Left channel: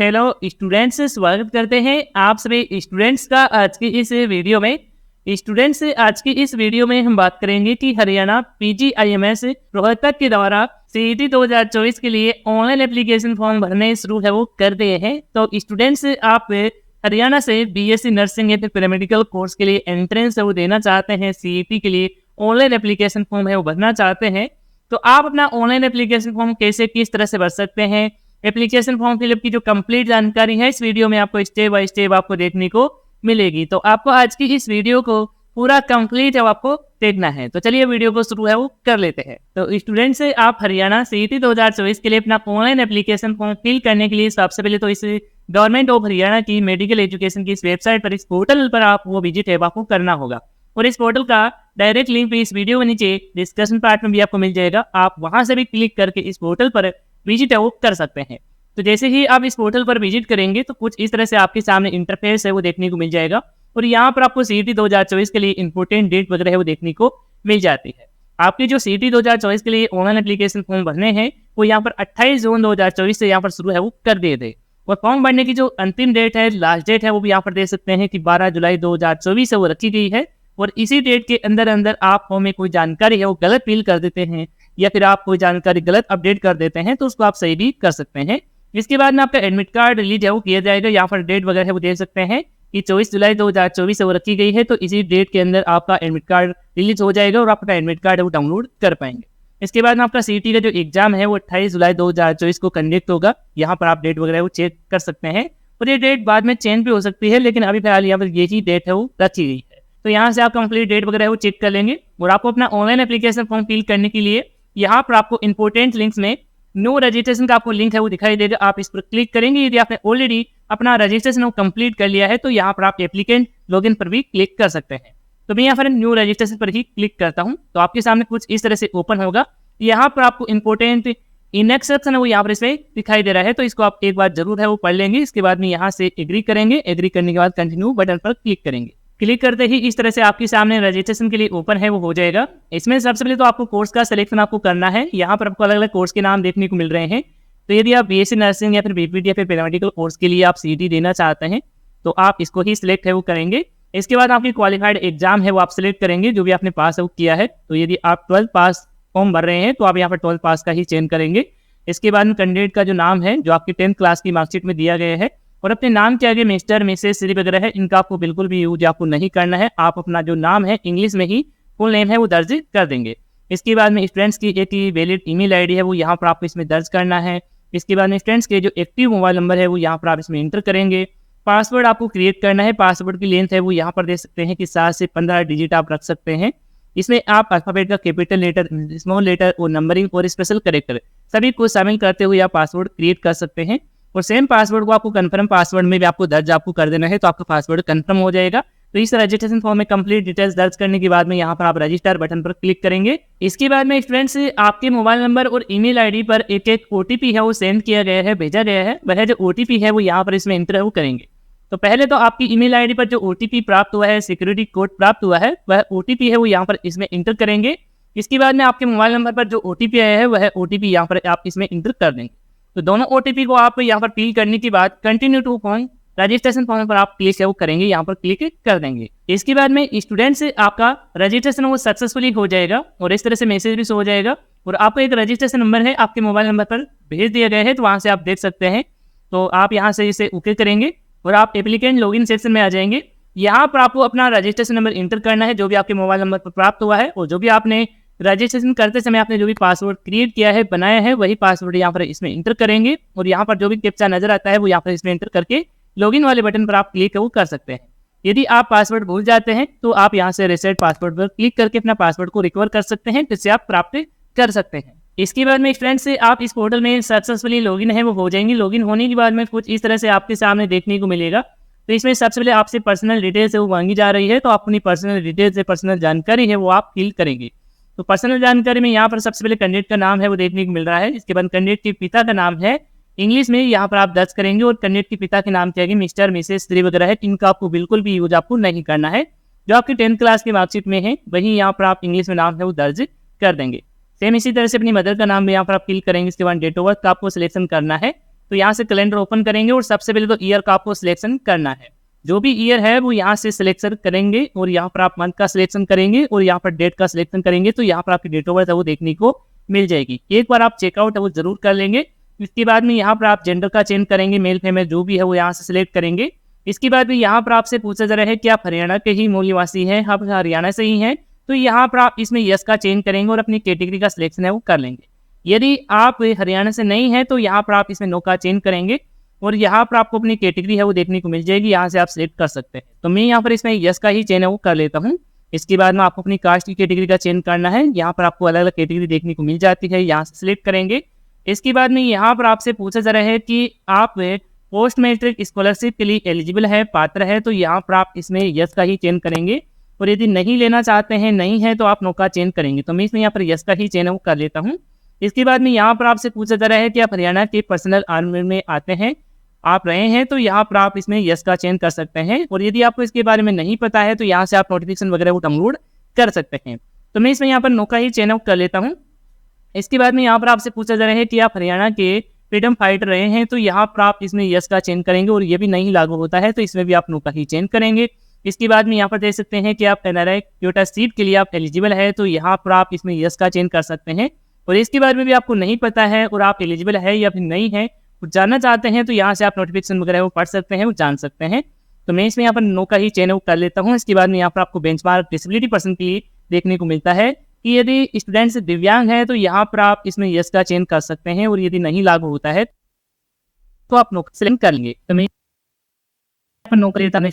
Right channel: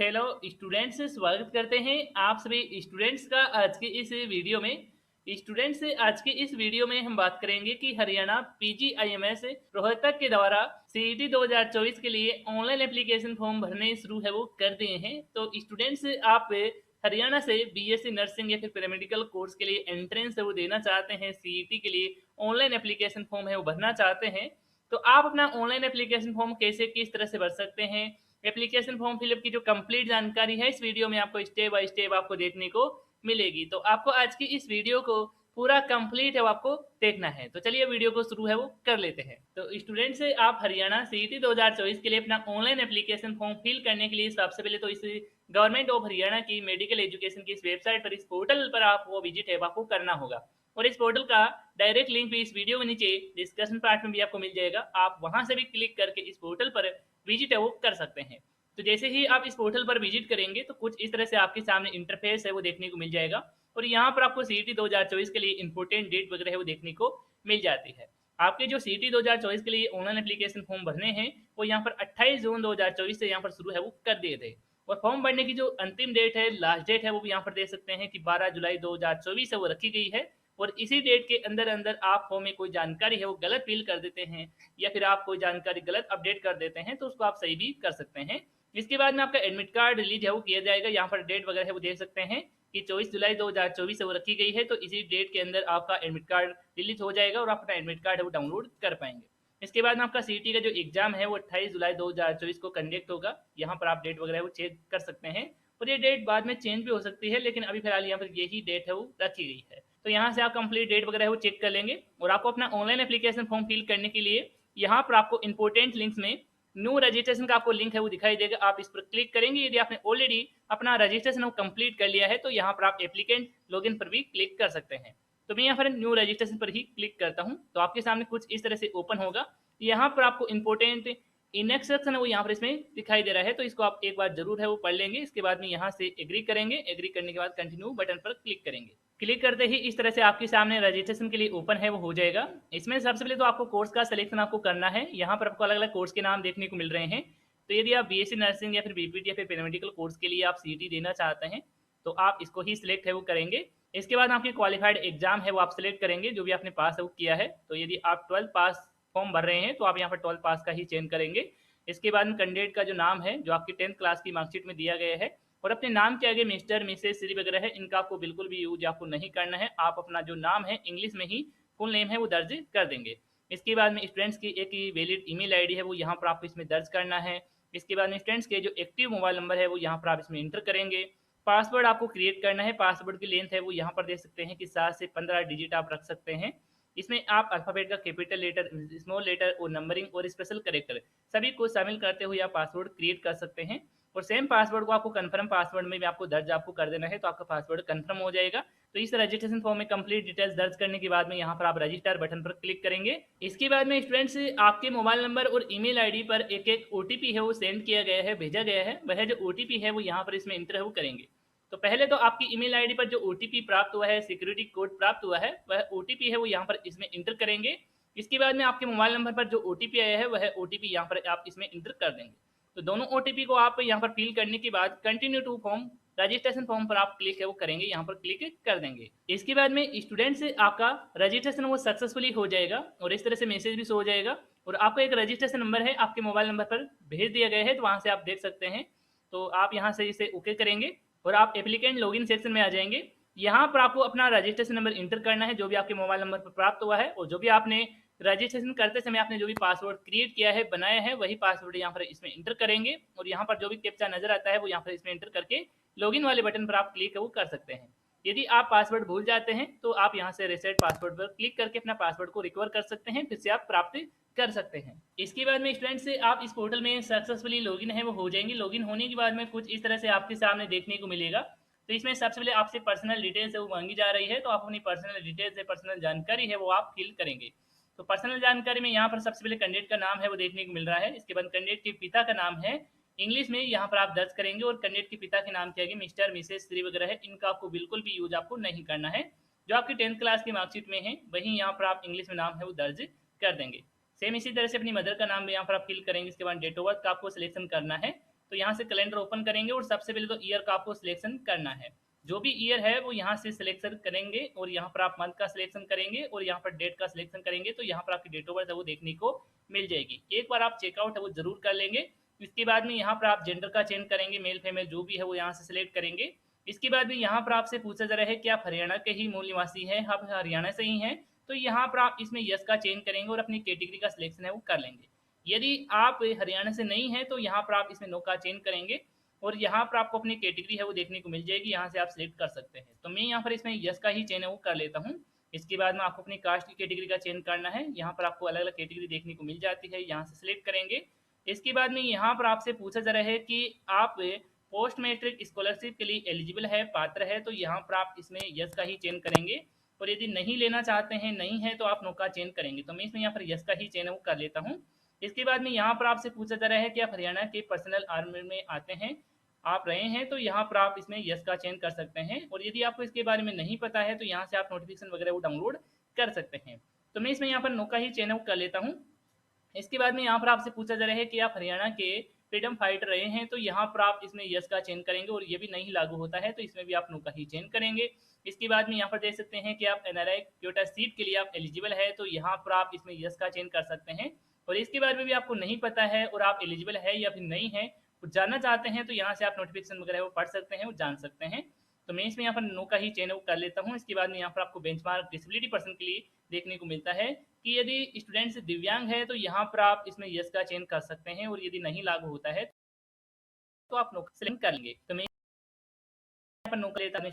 Hello students, स्वागत करते हैं आप सभी स्टूडेंट्स का आज की इस वीडियो में। स्टूडेंट्स, आज की इस वीडियो में हम बात करेंगे कि हरियाणा पीजीआईएमएस रोहतक के द्वारा सीईटी 2024 के लिए ऑनलाइन एप्लीकेशन फॉर्म भरने शुरू है वो कर दिए हैं। तो स्टूडेंट्स, आप हरियाणा से बीएससी नर्सिंग या फिर पैरामेडिकल कोर्स के लिए एंट्रेंस है वो देना चाहते हैं, सीईटी के लिए ऑनलाइन एप्लीकेशन फॉर्म है वो भरना चाहते हैं, तो आप अपना ऑनलाइन एप्लीकेशन फॉर्म कैसे किस तरह से भर सकते हैं, एप्लीकेशन फॉर्म फिलअप की जो कंप्लीट जानकारी है इस वीडियो में आपको स्टेप बाय स्टेप आपको देखने को मिलेगी। तो आपको आज की इस वीडियो को पूरा कंप्लीट है आपको देखना है। तो चलिए वीडियो को शुरू है वो कर लेते हैं। तो स्टूडेंट से आप हरियाणा सीईटी 2024 के लिए अपना ऑनलाइन एप्लीकेशन फॉर्म फिल करने के लिए सबसे पहले तो इस गवर्नमेंट ऑफ हरियाणा की मेडिकल एजुकेशन की इस वेबसाइट पर, इस पोर्टल पर आप वो विजिट है आपको करना होगा। और इस पोर्टल का डायरेक्ट लिंक भी इस वीडियो के नीचे डिस्कशन पार्ट में भी आपको मिल जाएगा। आप वहां से भी क्लिक करके इस पोर्टल पर विजिट है वो कर सकते हैं। तो जैसे ही आप इस पोर्टल पर विजिट करेंगे तो कुछ इस तरह से आपके सामने इंटरफेस है वो देखने को मिल जाएगा। और यहाँ पर आपको सीईटी 2024 के लिए इंपोर्टेंट डेट वगैरह है वो देखने को मिल जाती है। आपकी जो सीईटी 2024 के लिए ऑनलाइन एप्लीकेशन फॉर्म भरने हैं वो यहाँ पर 28 जून 2024 से यहाँ पर शुरू है वो कर दिए थे। और फॉर्म भरने की जो अंतिम डेट है, लास्ट डेट है, वो भी यहाँ पर दे सकते हैं कि 12 जुलाई 2024 से वो रखी गई है। और इसी डेट के अंदर आप फॉर्म में कोई जानकारी है वो गलत फिल कर देते हैं या फिर आप कोई जानकारी गलत अपडेट कर देते हैं तो उसको आप सही भी कर सकते हैं। इसके बाद में आपका एडमिट कार्ड रिलीज है वो किया जाएगा। यहाँ पर डेट वगैरह है वो दे सकते हैं कि 24 जुलाई 2024 से वो रखी गई है, तो इसी डेट के अंदर आपका एडमिट कार्ड रिलीज हो जाएगा और आप अपना एडमिट कार्ड है वो डाउनलोड कर पाएंगे। इसके बाद में आपका सीईटी का जो एग्जाम है वो 28 जुलाई 2024 को कंडक्ट होगा। यहाँ पर आप डेट वगैरह वो चेक कर सकते हैं और ये डेट बाद में चेंज भी हो सकती है, लेकिन अभी फिलहाल यहाँ पर यही डेट है वो रखी गई है। तो यहाँ से आप कंप्लीट डेट वगैरह वो चेक कर लेंगे। और आपको अपना ऑनलाइन एप्लीकेशन फॉर्म फिल करने के लिए यहाँ पर आपको इंपोर्टेंट लिंक्स में न्यू रजिस्ट्रेशन का आपको लिंक है वो दिखाई देगा। आप इस पर क्लिक करेंगे। यदि आपने ऑलरेडी अपना रजिस्ट्रेशन कंप्लीट कर लिया है तो यहाँ पर आप एप्लीकेंट लॉगिन पर भी क्लिक कर सकते हैं। तो मैं यहाँ पर न्यू रजिस्ट्रेशन पर ही क्लिक करता हूँ तो आपके सामने कुछ इस तरह से ओपन होगा। यहाँ पर आपको इंपोर्टेंट इंस्ट्रक्शन है वो यहाँ पर इसमें दिखाई दे रहा है, तो इसको आप एक बार जरूर है वो पढ़ लेंगे। इसके बाद में यहाँ से एग्री करेंगे। एग्री करने के बाद कंटिन्यू बटन पर क्लिक करेंगे। क्लिक करते ही इस तरह से आपके सामने रजिस्ट्रेशन के लिए ओपन है वो हो जाएगा। इसमें सबसे पहले तो आपको कोर्स का सिलेक्शन आपको करना है। यहाँ पर आपको अलग अलग कोर्स के नाम देखने को मिल रहे हैं। तो यदि आप बीएससी नर्सिंग या फिर बीपीटी या फिर पैरामेडिकल कोर्स के लिए आप सीईटी देना चाहते हैं तो आप इसको ही सिलेक्ट है वो करेंगे। इसके बाद आपकी क्वालिफाइड एग्जाम है वो आप सिलेक्ट करेंगे जो भी आपने पास है वो किया है। तो यदि आप 12th पास फॉर्म भर रहे हैं तो आप यहाँ पर 12th पास का ही चयन करेंगे। इसके बाद में कैंडिडेट का जो नाम है जो आपकी 10th क्लास की मार्कशीट में दिया गया है और अपने नाम के आगे मिस्टर मिसेस श्री वगैरह है, इनका आपको बिल्कुल भी यूज आपको नहीं करना है। आप अपना जो नाम है इंग्लिश में ही फुल नेम है वो दर्ज कर देंगे। इसके बाद में स्टूडेंट्स की एक वैलिड ईमेल आईडी है वो यहाँ पर आपको इसमें दर्ज करना है। इसके बाद में स्टूडेंट्स के जो एक्टिव मोबाइल नंबर है वो यहाँ पर आप इसमें इंटर करेंगे। पासवर्ड आपको क्रिएट करना है। पासवर्ड की लेंथ है वो यहाँ पर दे सकते हैं कि 7 से 15 डिजिट आप रख सकते हैं। इसमें आप अल्फाबेट का कैपिटल लेटर, स्मॉल लेटर और नंबरिंग और स्पेशल कैरेक्टर सभी को शामिल करते हुए आप पासवर्ड क्रिएट कर सकते हैं। और सेम पासवर्ड को आपको कंफर्म पासवर्ड में भी आपको दर्ज आपको कर देना है, तो आपका पासवर्ड कंफर्म हो जाएगा। तो इस रजिस्ट्रेशन फॉर्म में कंप्लीट डिटेल्स दर्ज करने के बाद में यहाँ पर आप रजिस्टर बटन पर क्लिक करेंगे। इसके बाद में स्टूडेंट्स आपके मोबाइल नंबर और ईमेल आईडी पर एक ओटीपी है वो सेंड किया गया है, भेजा गया है। वह जो ओटीपी है वो यहाँ पर इसमें इंटर वो करेंगे। तो पहले तो आपकी ईमेल आईडी पर जो ओटीपी प्राप्त हुआ है, सिक्योरिटी कोड प्राप्त हुआ है, वह ओटीपी है वो यहाँ पर इसमें इंटर करेंगे। इसके बाद में आपके मोबाइल नंबर पर जो ओटीपी आया है वह ओटीपी यहाँ पर आप इसमें इंटर कर देंगे। तो दोनों ओटीपी को आप यहाँ पर फिल करने के बाद continue to form registration form पर आप क्लिक है वो करेंगे, यहाँ पर क्लिक कर देंगे। इसके बाद में स्टूडेंट से आपका रजिस्ट्रेशन वो सक्सेसफुली हो जाएगा और इस तरह से मैसेज भी हो जाएगा और आपको एक रजिस्ट्रेशन नंबर है आपके मोबाइल नंबर पर भेज दिया गया है, तो वहाँ से आप देख सकते हैं। तो आप यहाँ से इसे ओके करेंगे और आप एप्लीकेंट लॉगिन सेक्शन में आ जाएंगे। यहाँ पर आपको अपना रजिस्ट्रेशन नंबर इंटर करना है जो भी आपके मोबाइल नंबर पर प्राप्त हुआ है, और जो भी आपने रजिस्ट्रेशन करते समय आपने जो भी पासवर्ड क्रिएट किया है, बनाया है, वही पासवर्ड यहाँ पर इसमें इंटर करेंगे। और यहाँ पर जो भी कैप्चा नजर आता है वो यहाँ पर इसमें इंटर करके लॉगिन वाले बटन पर आप क्लिक वो कर सकते हैं। यदि आप पासवर्ड भूल जाते हैं तो आप यहाँ से रीसेट पासवर्ड पर क्लिक करके अपना पासवर्ड को रिकवर कर सकते हैं, जिससे आप प्राप्त कर सकते हैं। इसके बाद में फ्रेंड्स से आप इस पोर्टल में सक्सेसफुली लॉगिन है वो हो जाएंगे। लॉगिन होने के बाद में कुछ इस तरह से आपके सामने देखने को मिलेगा। तो इसमें सबसे पहले आपसे पर्सनल डिटेल्स है वो मांगी जा रही है, तो आप अपनी पर्सनल डिटेल्स है, पर्सनल जानकारी है वो आप फिल करेंगे। तो पर्सनल जानकारी में यहाँ पर सबसे पहले कैंडिडेट का नाम है वो देखने को मिल रहा है। इसके बाद कैंडिडेट के पिता का नाम है इंग्लिश में यहाँ पर आप दर्ज करेंगे और कैंडिडेट के पिता के नाम के आगे मिस्टर मिसेस श्री वगैरह है, इनका आपको बिल्कुल भी यूज आपको नहीं करना है। जो आपकी 10th क्लास की मार्कशीट में है वही यहाँ पर आप इंग्लिश में नाम है वो दर्ज कर देंगे। सेम इसी तरह से अपनी मदर का नाम भी यहाँ पर आप फिल करेंगे। इसके बाद डेट ऑफ बर्थ का आपको सिलेक्शन करना है। तो यहाँ से कैलेंडर ओपन करेंगे और सबसे पहले तो ईयर का आपको सिलेक्शन करना है। जो भी ईयर है वो यहाँ से सिलेक्शन करेंगे और यहाँ पर आप मंथ का सिलेक्शन करेंगे और यहाँ पर डेट का सिलेक्शन करेंगे, तो यहाँ पर आपकी डेट ऑफ बर्थ है वो देखने को मिल जाएगी। एक बार आप चेकआउट है वो जरूर कर लेंगे। इसके बाद में यहाँ पर आप जेंडर का चेंज करेंगे, मेल फीमेल जो भी है वो यहाँ से सिलेक्ट करेंगे। इसके बाद में यहाँ पर आपसे पूछा जा रहा है कि आप हरियाणा के ही मूल निवासी हैं, आप हरियाणा से ही हैं, तो यहाँ पर आप इसमें यस का चेंज करेंगे और अपनी कैटेगरी का सिलेक्शन है वो कर लेंगे। यदि आप हरियाणा से नहीं है तो यहाँ पर आप इसमें नो का चेंज करेंगे और यहाँ पर आपको अपनी कैटेगरी है वो देखने को मिल जाएगी, यहाँ से आप सिलेक्ट कर सकते हैं। तो मैं यहाँ पर इसमें यस का ही चेंज है वो कर लेता हूँ। इसके बाद में आपको अपनी कास्ट की कैटेगरी का चेंज करना है, यहाँ पर आपको अलग अलग कैटेगरी देखने को मिल जाती है, यहाँ से सिलेक्ट करेंगे। इसके बाद में यहाँ पर आपसे पूछा जा रहा है कि आप पोस्ट मैट्रिक स्कॉलरशिप के लिए एलिजिबल है, पात्र है, तो यहाँ पर आप इसमें यस का ही चेंज करेंगे और यदि नहीं लेना चाहते हैं, नहीं है, तो आप नो का चेंज करेंगे। तो मैं इसमें यहाँ पर यस का ही चेंज है वो कर लेता हूँ। इसके बाद में यहाँ पर आपसे पूछा जा रहा है कि आप हरियाणा के पर्सनल आर्मी में आते हैं, आप रहे हैं, तो यहाँ पर आप इसमें यस का चेंज कर सकते हैं और यदि आपको इसके बारे में नहीं पता है तो यहाँ से आप नोटिफिकेशन वगैरह वो डाउनलोड कर सकते हैं। तो मैं इसमें यहाँ पर नो का ही चेंज कर लेता हूँ। इसके बाद में यहाँ पर आपसे पूछा जा रहा है कि आप हरियाणा के फ्रीडम फाइटर रहे हैं, तो यहाँ पर आप इसमें यस का चेंज करेंगे और ये भी नहीं लागू होता है, तो इसमें भी आप नो का ही चेंज करेंगे। इसके बाद में यहाँ पर देख सकते हैं कि आप एनआरआई क्योटा सीट के लिए आप एलिजिबल है, तो यहाँ पर आप इसमें यस का चेंज कर सकते हैं। और इसके बारे में भी आपको नहीं पता है और आप एलिजिबल है या फिर नहीं है, कुछ जानना चाहते हैं, तो यहाँ से आप नोटिफिकेशन वगैरह वो पढ़ सकते हैं, वो जान सकते हैं। तो मैं इसमें यहाँ पर नो का ही चेंज कर लेता हूँ। इसके बाद में यहाँ पर आपको बेंचमार्क डिसेबिलिटी पर्सन के लिए देखने को मिलता है कि यदि स्टूडेंट्स दिव्यांग है तो यहाँ पर आप इसमें यस का चेंज कर सकते हैं और यदि नहीं लागू होता है तो आप नो सेलेक्ट कर लेंगे। तो मैं यहाँ पर नो कर लेता हूँ,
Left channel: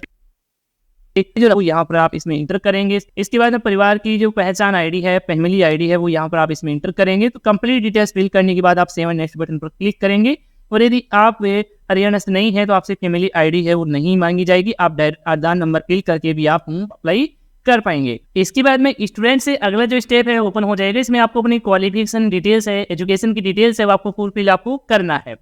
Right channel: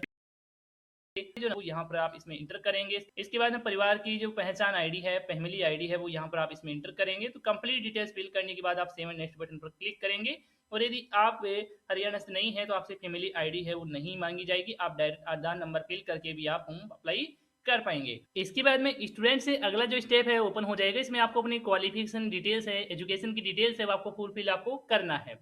जो यहाँ पर आप इसमें इंटर करेंगे। इसके बाद परिवार की जो पहचान आईडी है, फैमिली आईडी है, वो यहाँ पर आप इसमें इंटर करेंगे। तो कंप्लीट डिटेल्स फिल करने के बाद आप सेव एंड नेक्स्ट बटन पर क्लिक करेंगे और यदि आप हरियाणा से नहीं है तो आपसे फैमिली आईडी है वो नहीं मांगी जाएगी, आप डायरेक्ट आधार नंबर फिल करके भी आप अप्लाई कर पाएंगे। इसके बाद में स्टूडेंट से अगला जो स्टेप है ओपन हो जाएगा। इसमें आपको अपनी क्वालिफिकेशन डिटेल्स है, एजुकेशन की डिटेल्स है, वो आपको फुलफिल आपको करना है।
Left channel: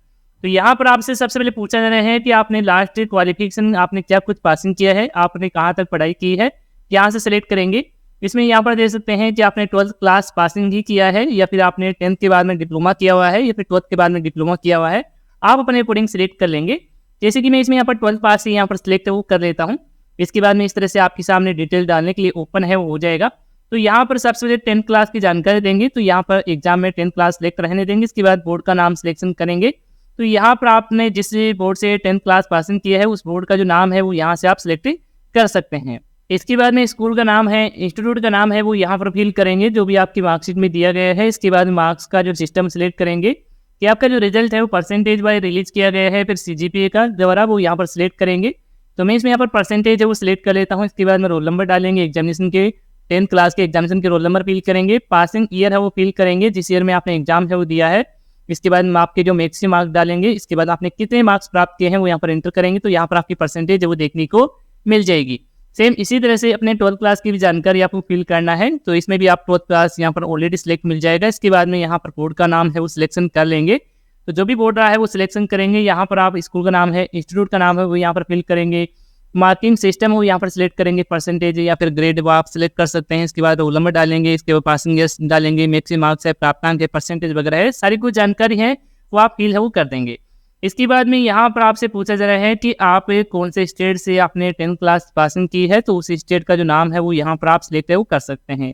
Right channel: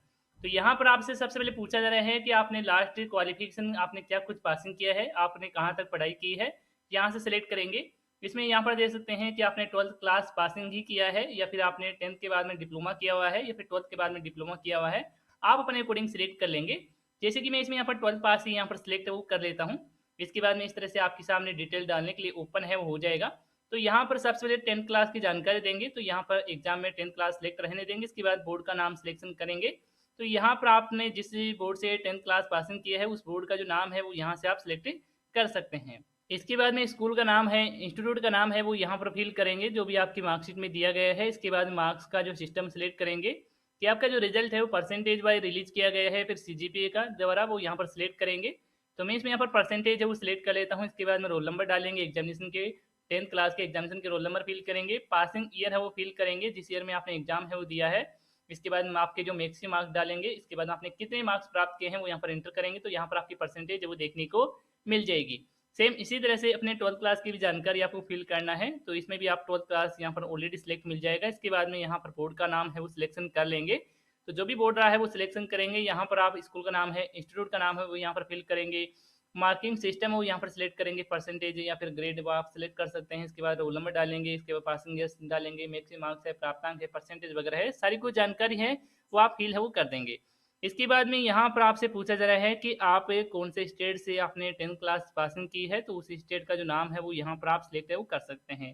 तो यहाँ पर आपसे सबसे पहले पूछा जा रहा है कि आपने लास्ट क्वालिफिकेशन आपने क्या कुछ पासिंग किया है, आपने कहाँ तक पढ़ाई की है, यहाँ से सिलेक्ट करेंगे। इसमें यहाँ पर देख सकते हैं कि आपने 12th क्लास पासिंग ही किया है या फिर आपने 10th के बाद में डिप्लोमा किया हुआ है या फिर 12th के बाद में डिप्लोमा किया हुआ है, आप अपने अकॉर्डिंग सिलेक्ट कर लेंगे। जैसे कि मैं इसमें यहाँ पर 12th पास ही यहाँ पर सिलेक्ट वो कर लेता हूँ। इसके बाद में इस तरह से आपके सामने डिटेल डालने के लिए ओपन है वो हो जाएगा। तो यहाँ पर सबसे पहले 10th क्लास की जानकारी देंगे, तो यहाँ पर एग्जाम में 10th क्लास सिलेक्ट रहने देंगे। इसके बाद बोर्ड का नाम सिलेक्शन करेंगे। तो यहाँ पर आपने जिस बोर्ड से 10th क्लास पासिंग किया है उस बोर्ड का जो नाम है वो यहाँ से आप सिलेक्ट कर सकते हैं। इसके बाद में स्कूल का नाम है, इंस्टीट्यूट का नाम है, वो यहाँ पर फिल करेंगे जो भी आपकी मार्कशीट में दिया गया है। इसके बाद मार्क्स का जो सिस्टम सिलेक्ट करेंगे कि आपका जो रिजल्ट है वो परसेंटेज वाइज रिलीज किया गया है, फिर सीजीपीए का द्वारा वो यहाँ पर सिलेक्ट करेंगे। तो मैं इसमें यहाँ पर परसेंटेज है वो सिलेक्ट कर लेता हूँ। इसके बाद में रोल नंबर डालेंगे, एग्जामिनेशन के 10th क्लास के एग्जामिनेशन के रोल नंबर फिल करेंगे, पासिंग ईयर है वो फिल करेंगे जिस ईयर में आपने एग्जाम है वो दिया है। इसके बाद में आपके जो मैक्सिमम मार्क्स डालेंगे, इसके बाद आपने कितने मार्क्स प्राप्त किए हैं वो यहाँ पर एंटर करेंगे। तो यहाँ पर आपकी परसेंटेज है वो देखने को मिल जाएगी। सेम इसी तरह से अपने 12th क्लास की भी जानकारी आपको फिल करना है। तो इसमें भी आप 12th क्लास यहाँ पर ऑलरेडी सिलेक्ट मिल जाएगा। इसके बाद में यहाँ पर बोर्ड का नाम है वो सिलेक्शन कर लेंगे। तो जो भी बोर्ड रहा है वो सिलेक्शन करेंगे। यहाँ पर आप स्कूल का नाम है, इंस्टीट्यूट का नाम है वो यहाँ पर फिल करेंगे, मार्किंग सिस्टम वो यहाँ पर सिलेक्ट करेंगे, परसेंटेज या फिर ग्रेड वो आप सिलेक्ट कर सकते हैं। इसके बाद रोल नंबर डालेंगे, इसके बाद पासिंग ईयर्स डालेंगे, मैक्सिमम मार्क्स है, प्राप्तांक है, परसेंटेज वगैरह है, सारी कुछ जानकारी है वो आप फिल है वो कर देंगे। इसके बाद में यहाँ पर आपसे पूछा जा रहा है कि आप कौन से स्टेट से आपने 10th क्लास पासिंग की है, तो उस स्टेट का जो नाम है वो यहाँ पर आप सिलेक्ट है वो कर सकते हैं।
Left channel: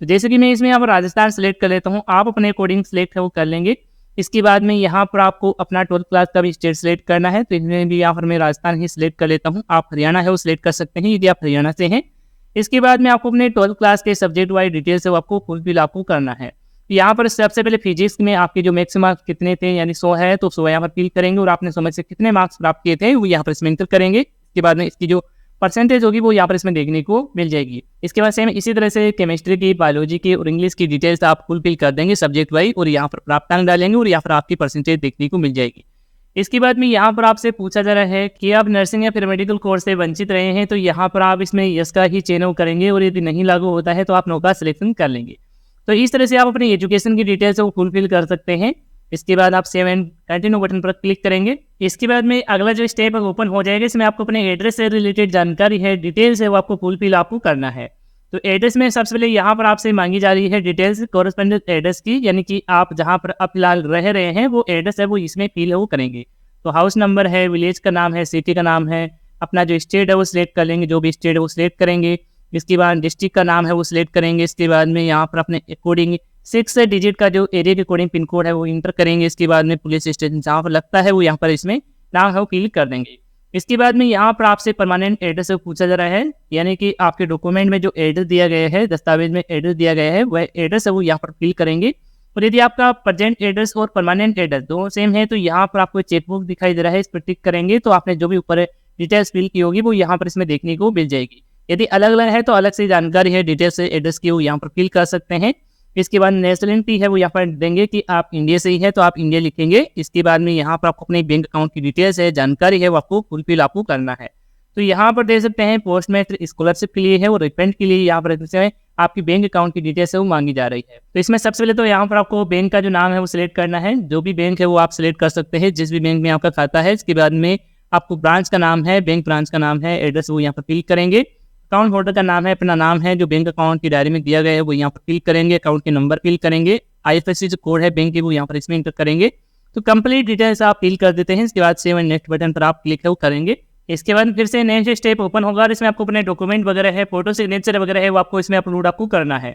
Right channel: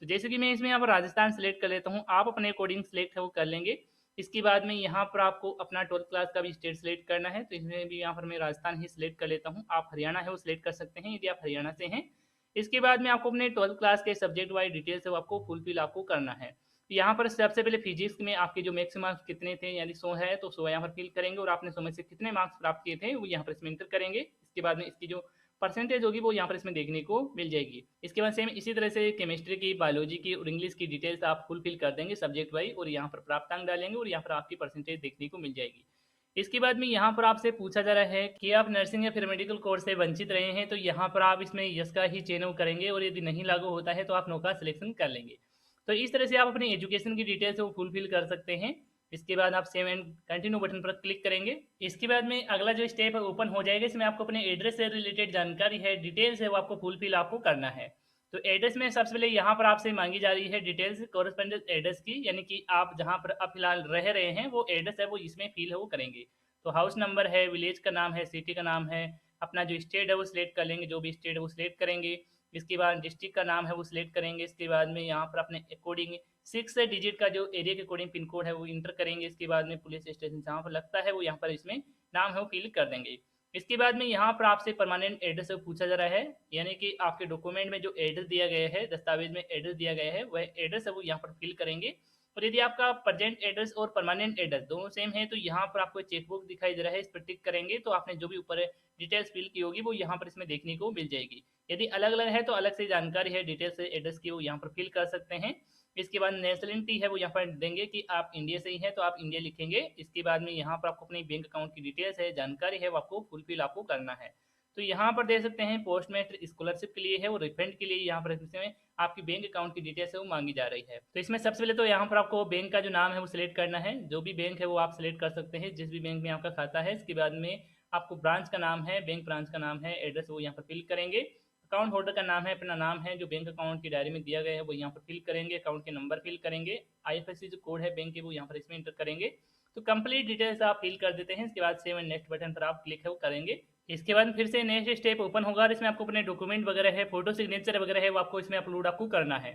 तो जैसे कि मैं इसमें यहाँ पर राजस्थान सिलेक्ट कर लेता हूँ, आप अपने अकॉर्डिंग सिलेक्ट है वो कर लेंगे। इसके बाद में यहाँ पर आपको अपना 12th क्लास का भी स्टेट सिलेक्ट करना है। तो इसमें भी यहाँ पर मैं राजस्थान ही सिलेक्ट कर लेता हूँ। आप हरियाणा है वो सिलेक्ट कर सकते हैं यदि आप हरियाणा से हैं। इसके बाद में आपको अपने 12th क्लास के सब्जेक्ट वाइज डिटेल्स है वो आपको फुलफिल आपको करना है। यहाँ पर सबसे पहले फिजिक्स में आपके जो मैक्सिमम मार्क्स कितने थे, यानी 100 है तो 100 यहाँ पर फिल करेंगे और आपने 100 में से कितने मार्क्स प्राप्त किए थे वो यहाँ पर इसमें इंटर करेंगे। इसके बाद में इसकी जो परसेंटेज होगी वो यहाँ पर इसमें देखने को मिल जाएगी। इसके बाद सेम इसी तरह से केमिस्ट्री की, बायोलॉजी की और इंग्लिश की डिटेल्स आप फुलफिल कर देंगे सब्जेक्ट वाइज और यहाँ पर प्राप्तांक डालेंगे और यहाँ पर आपकी परसेंटेज देखने को मिल जाएगी। इसके बाद में यहाँ पर आपसे पूछा जा रहा है कि आप नर्सिंग या फिर मेडिकल कोर्स से वंचित रहे हैं, तो यहाँ पर आप इसमें यस का ही चयन करेंगे और यदि नहीं लागू होता है तो आप नो का सिलेक्शन कर लेंगे। तो इस तरह से आप अपनी एजुकेशन की डिटेल्स को फुलफिल कर सकते हैं। इसके बाद आप सेव एंड कंटिन्यू बटन पर क्लिक करेंगे। इसके बाद में अगला जो स्टेप है ओपन हो जाएगा। इसमें आपको अपने एड्रेस से रिलेटेड जानकारी है, डिटेल्स है वो आपको फुलफिल आपको करना है। तो एड्रेस में सबसे पहले यहाँ पर आपसे मांगी जा रही है डिटेल्स कॉरेस्पोंडेंट एड्रेस की, यानी कि आप जहाँ पर अब फिलहाल रह रहे हैं वो एड्रेस है वो इसमें फिल वो करेंगे। तो हाउस नंबर है, विलेज का नाम है, सिटी का नाम है, अपना जो स्टेट है वो सिलेक्ट कर लेंगे, जो भी स्टेट है वो सिलेक्ट करेंगे। इसके बाद डिस्ट्रिक्ट का नाम है वो सिलेक्ट करेंगे। इसके बाद में यहाँ पर अपने अकॉर्डिंग 6 डिजिट का जो एरिया के अकॉर्डिंग पिन कोड है वो इंटर करेंगे। इसके बाद में पुलिस स्टेशन जहाँ पर लगता है वो यहाँ पर इसमें नाम है वो फिल कर देंगे। इसके बाद में यहाँ पर आपसे परमानेंट एड्रेस पूछा जा रहा है, यानी कि आपके डॉक्यूमेंट में जो एड्रेस दिया गया है, दस्तावेज में एड्रेस दिया गया है, वह एड्रेस है वो यहाँ पर फिल करेंगे। और यदि आपका प्रेजेंट एड्रेस और परमानेंट एड्रेस दोनों सेम है तो यहाँ पर आपको चेकबुक दिखाई दे रहा है, इस पर टिक करेंगे तो आपने जो भी ऊपर डिटेल्स फिल की होगी वो यहाँ पर इसमें देखने को मिल जाएगी। यदि अलग अलग है तो अलग से जानकारी है डिटेल्स एड्रेस की वो यहाँ पर फिल कर सकते हैं। इसके बाद नेशनलिटी है वो यहाँ पर देंगे कि आप इंडिया से ही है तो आप इंडिया लिखेंगे। इसके बाद में यहाँ पर आपको अपने बैंक अकाउंट की डिटेल्स है, जानकारी है वो आपको फुलफिल आपको करना है। तो यहाँ पर दे सकते हैं पोस्ट मैट्रिक स्कॉलरशिप के लिए है और रिफंड के लिए यहाँ पर आपकी बैंक अकाउंट की डिटेल्स है वो मांगी जा रही है। तो इसमें सबसे पहले तो यहाँ पर आपको बैंक का जो नाम है वो सिलेक्ट करना है। जो भी बैंक है वो आप सिलेक्ट कर सकते हैं, जिस भी बैंक में आपका खाता है। इसके बाद में आपको ब्रांच का नाम है, बैंक ब्रांच का नाम है, एड्रेस वो यहाँ पर फिल करेंगे। अकाउंट होल्डर का नाम है, अपना नाम है जो बैंक अकाउंट की डायरी में दिया गया है वो यहाँ पर फिल करेंगे। अकाउंट के नंबर फिल करेंगे, IFSC जो कोड है बैंक के वो यहाँ पर इसमें इंटर करेंगे। तो कंप्लीट डिटेल्स आप फिल कर देते हैं। इसके बाद सेव एंड नेक्स्ट बटन पर आप क्लिक है वो करेंगे। इसके बाद फिर से नेक्स्ट स्टेप ओपन होगा और इसमें आपको अपने डॉक्यूमेंट वगैरह है, फोटो सिग्नेचर वगैरह है वो आपको इसमें अपलोड आपको करना है।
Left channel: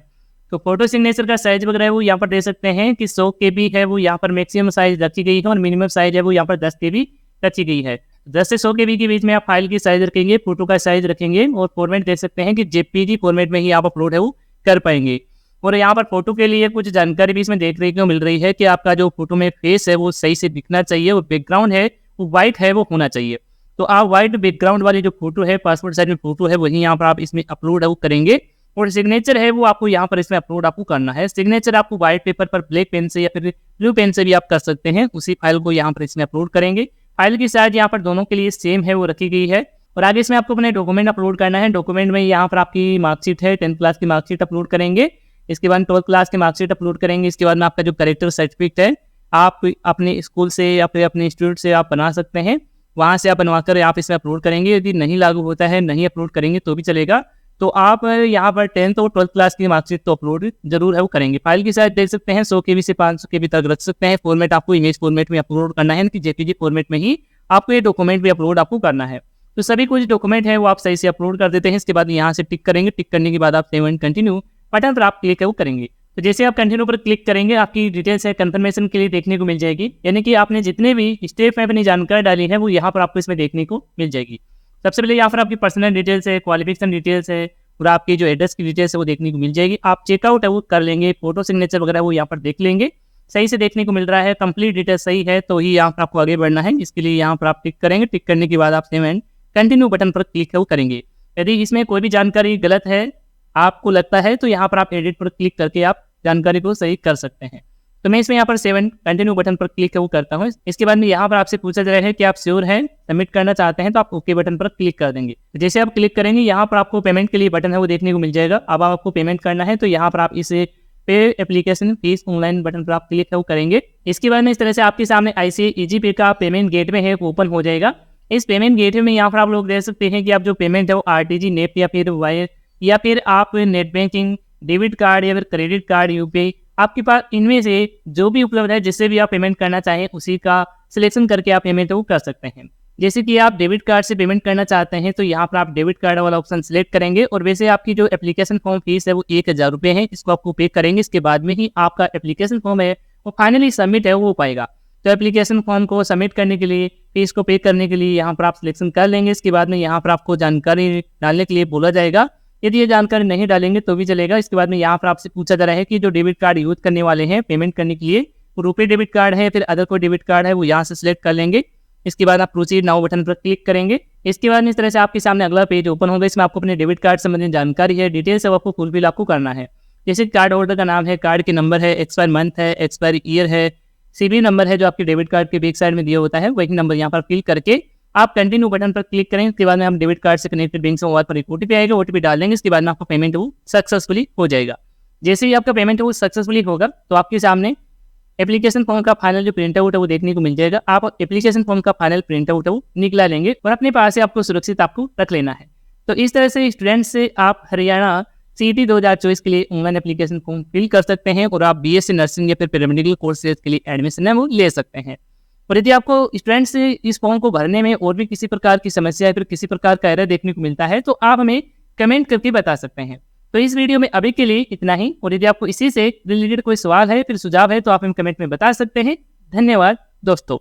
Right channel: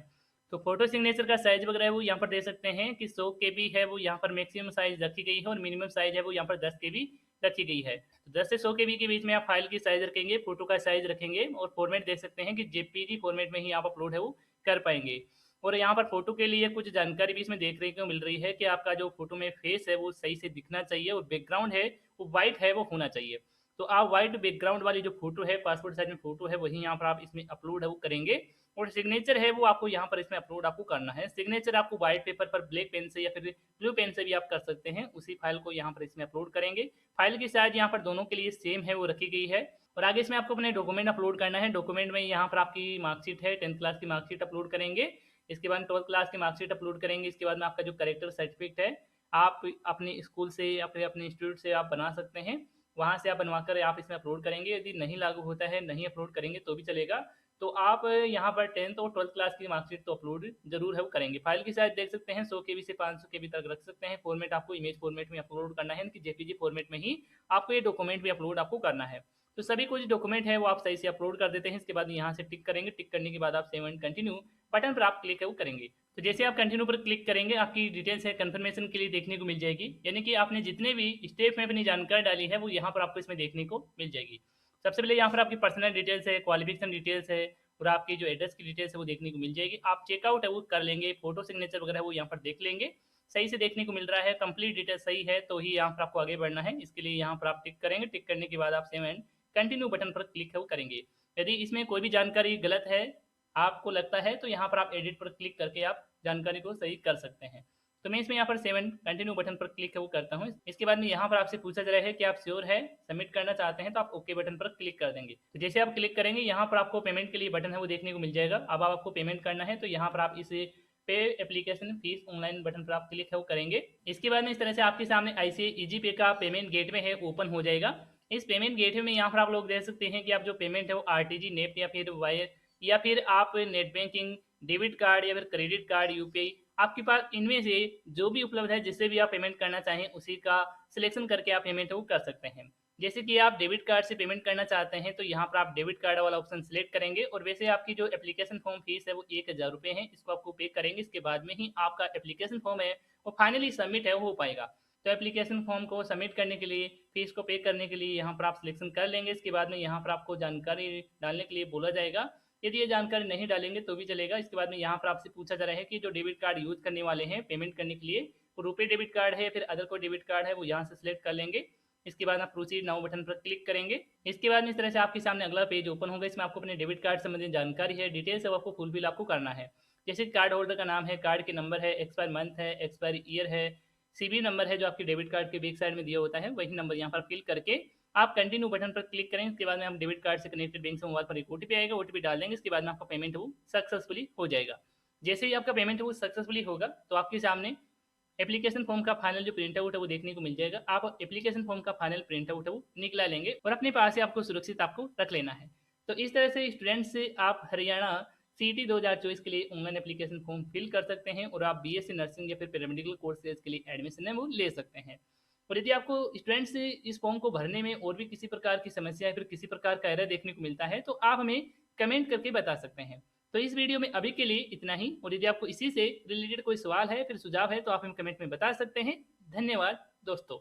तो फोटो सिग्नेचर का साइज वगैरह है वो यहाँ पर दे सकते हैं कि 100 KB है वो यहाँ पर मैक्सिमम साइज रखी गई है और मिनिमम साइज है वो यहाँ पर 10 KB रखी गई है। 10 से 100 KB के बीच में आप फाइल की साइज रखेंगे, फोटो का साइज रखेंगे और फॉर्मेट दे सकते हैं कि JPG फॉर्मेट में ही आप अपलोड है वो कर पाएंगे। और यहाँ पर फोटो के लिए कुछ जानकारी भी इसमें देखने को मिल रही है कि आपका जो फोटो में फेस है वो सही से दिखना चाहिए और बैकग्राउंड है वो व्हाइट है वो होना चाहिए। तो आप व्हाइट बैकग्राउंड वाली जो फोटो है, पासपोर्ट साइज में फोटो है, वही यहाँ पर आप इसमें अपलोड है वो करेंगे। और सिग्नेचर है वो आपको यहाँ पर इसमें अपलोड आपको करना है। सिग्नेचर आपको व्हाइट पेपर पर ब्लैक पेन से या फिर ब्लू पेन से भी आप कर सकते हैं। उसी फाइल को यहाँ पर इसमें अपलोड करेंगे। फाइल की साइज यहाँ पर दोनों के लिए सेम है वो रखी गई है। और आगे इसमें आपको अपने डॉक्यूमेंट अपलोड करना है। डॉक्यूमेंट में यहाँ पर आपकी मार्कशीट है, 10th क्लास की मार्कशीट अपलोड करेंगे। इसके बाद 12th क्लास की मार्कशीट अपलोड करेंगे। इसके बाद में आपका जो करेक्टर सर्टिफिकेट है आप अपने स्कूल से या फिर अपने इंस्टीट्यूट से आप बना सकते हैं, वहाँ से आप बनवाकर आप इसमें अपलोड करेंगे। यदि नहीं लागू होता है, नहीं अपलोड करेंगे तो भी चलेगा। तो आप यहाँ पर 10th और 12th क्लास की मार्कशीट तो अपलोड जरूर है वो करेंगे। फाइल की साइज देख सकते हैं 100 KB से 500 KB तक रख सकते हैं। फॉर्मेट आपको इमेज फॉर्मेट में अपलोड करना है कि JPG फॉर्मेट में ही आपको ये डॉक्यूमेंट भी अपलोड आपको करना है। तो सभी कुछ डॉक्यूमेंट है वो आप सही से अपलोड कर देते हैं। इसके बाद यहाँ से टिक करेंगे। टिक करने के बाद आप सेव एंड कंटिन्यू बटन पर आप क्लिक है वो करेंगे। तो जैसे आप कंटिन्यू पर क्लिक करेंगे आपकी डिटेल्स है कंफर्मेशन के लिए देखने को मिल जाएगी, यानी कि आपने जितने भी स्टेप में अपनी जानकारी डाली है वो यहाँ पर आपको इसमें देखने को मिल जाएगी। सबसे पहले यहाँ पर आपकी पर्सनल डिटेल्स है, क्वालिफिकेशन डिटेल्स है और आपकी जो एड्रेस की डिटेल्स है वो देखने को मिल जाएगी। आप चेकआउट है वो कर लेंगे, फोटो सिग्नेचर वगैरह वो यहाँ पर देख लेंगे, सही से देखने को मिल रहा है, कंप्लीट डिटेल्स सही है तो ही यहाँ पर आपको आगे बढ़ना है। इसके लिए यहाँ पर आप टिक करेंगे। टिक करने के बाद आप सेव एंड कंटिन्यू बटन पर क्लिक है वो करेंगे। यदि इसमें कोई भी जानकारी गलत है आपको लगता है तो यहाँ पर आप एडिट पर क्लिक करके आप जानकारी को सही कर सकते हैं। तो मैं इसमें यहाँ पर सेव एंड कंटिन्यू बटन पर क्लिक है वो करता हूँ। इसके बाद में यहाँ पर आपसे पूछा जा रहा है कि आप श्योर हैं, सबमिट करना चाहते हैं तो आप ओके बटन पर क्लिक कर देंगे। जैसे आप क्लिक करेंगे यहाँ पर आपको पेमेंट के लिए बटन है वो देखने को मिल जाएगा। अब आपको पेमेंट करना है तो यहाँ पर आप इसे पे एप्लीकेशन फीस ऑनलाइन बटन पर आप क्लिक है वो करेंगे। इसके बाद में इस तरह से आपके सामने ICICI ईजी पे का पेमेंट गेटवे है ओपन हो जाएगा। इस पेमेंट गेटवे में यहाँ पर आप लोग देख सकते हैं कि आप जो पेमेंट है वो RTG, नेट या फिर वायर या फिर आप नेट बैंकिंग, डेबिट कार्ड या फिर क्रेडिट कार्ड, UPI, आपके पास इनमें से जो भी उपलब्ध है जिससे भी आप पेमेंट करना चाहें उसी का सिलेक्शन करके आप पेमेंट वो कर सकते हैं। जैसे कि आप डेबिट कार्ड से पेमेंट करना चाहते हैं तो यहाँ पर आप डेबिट कार्ड वाला ऑप्शन सिलेक्ट करेंगे और वैसे आपकी जो एप्लीकेशन फॉर्म फीस है वो 1000 रुपये है, इसको आपको पे करेंगे। इसके बाद में ही आपका एप्लीकेशन फॉर्म है वो फाइनली सबमिट है वो हो पाएगा। तो एप्लीकेशन फॉर्म को सबमिट करने के लिए, फीस को पे करने के लिए यहाँ पर आप सिलेक्शन कर लेंगे। इसके बाद में यहाँ पर आपको जानकारी डालने के लिए बोला जाएगा। यदि ये जानकारी नहीं डालेंगे तो भी चलेगा। इसके बाद में यहाँ पर आपसे पूछा जा रहा है कि जो डेबिट कार्ड यूज करने वाले हैं पेमेंट करने के लिए, वो रुपये डेबिट कार्ड है फिर अदर कोई डेबिट कार्ड है वो यहाँ से सिलेक्ट कर लेंगे। इसके बाद आप प्रोसीड नाउ बटन पर क्लिक करेंगे। इसके बाद इस तरह से आपके सामने अगला पेज ओपन होगा। इसमें आपको अपने डेबिट कार्ड संबंधित जानकारी है, डिटेल्स है, आपको फुलफिल आपको करना है। जैसे कार्ड होल्डर का नाम है, कार्ड के नंबर है, एक्सपायर मंथ है, एक्सपायर ईयर है, CVV नंबर है जो आपके डेबिट कार्ड के बैक साइड में दिया होता है, वही नंबर यहाँ पर फिल करके आप कंटिन्यू बटन पर क्लिक करें। इसके बाद में हम डेबिट कार्ड से कनेक्टेड बैंक से मोबाइल पर एक OTP आएगा, OTP डाल देंगे। इसके बाद में आपका पेमेंट वो सक्सेसफुली हो जाएगा। जैसे ही आपका पेमेंट वो सक्सेसफुली होगा तो आपके सामने एप्लीकेशन फॉर्म का फाइनल जो प्रिंट आउट है वो देखने को मिल जाएगा। आप एप्लीकेशन फॉर्म का फाइनल प्रिंट आउट है वो निकला लेंगे और अपने पास से आपको सुरक्षित आपको रख लेना है। तो इस तरह से स्टूडेंट्स से आप हरियाणा CET 2024 के लिए ऑनलाइन एप्लीकेशन फॉर्म फिल कर सकते हैं और आप BSc नर्सिंग या फिर पैरामेडिकल कोर्सेज के लिए एडमिशन है वो ले सकते हैं। और यदि आपको स्टूडेंट्स इस फॉर्म को भरने में और भी किसी प्रकार की समस्या या फिर किसी प्रकार का एरर देखने को मिलता है, तो आप हमें कमेंट करके बता सकते हैं। तो इस वीडियो में अभी के लिए इतना ही, और यदि आपको इसी से रिलेटेड कोई सवाल है फिर सुझाव है तो आप हमें कमेंट में बता सकते हैं। धन्यवाद दोस्तों।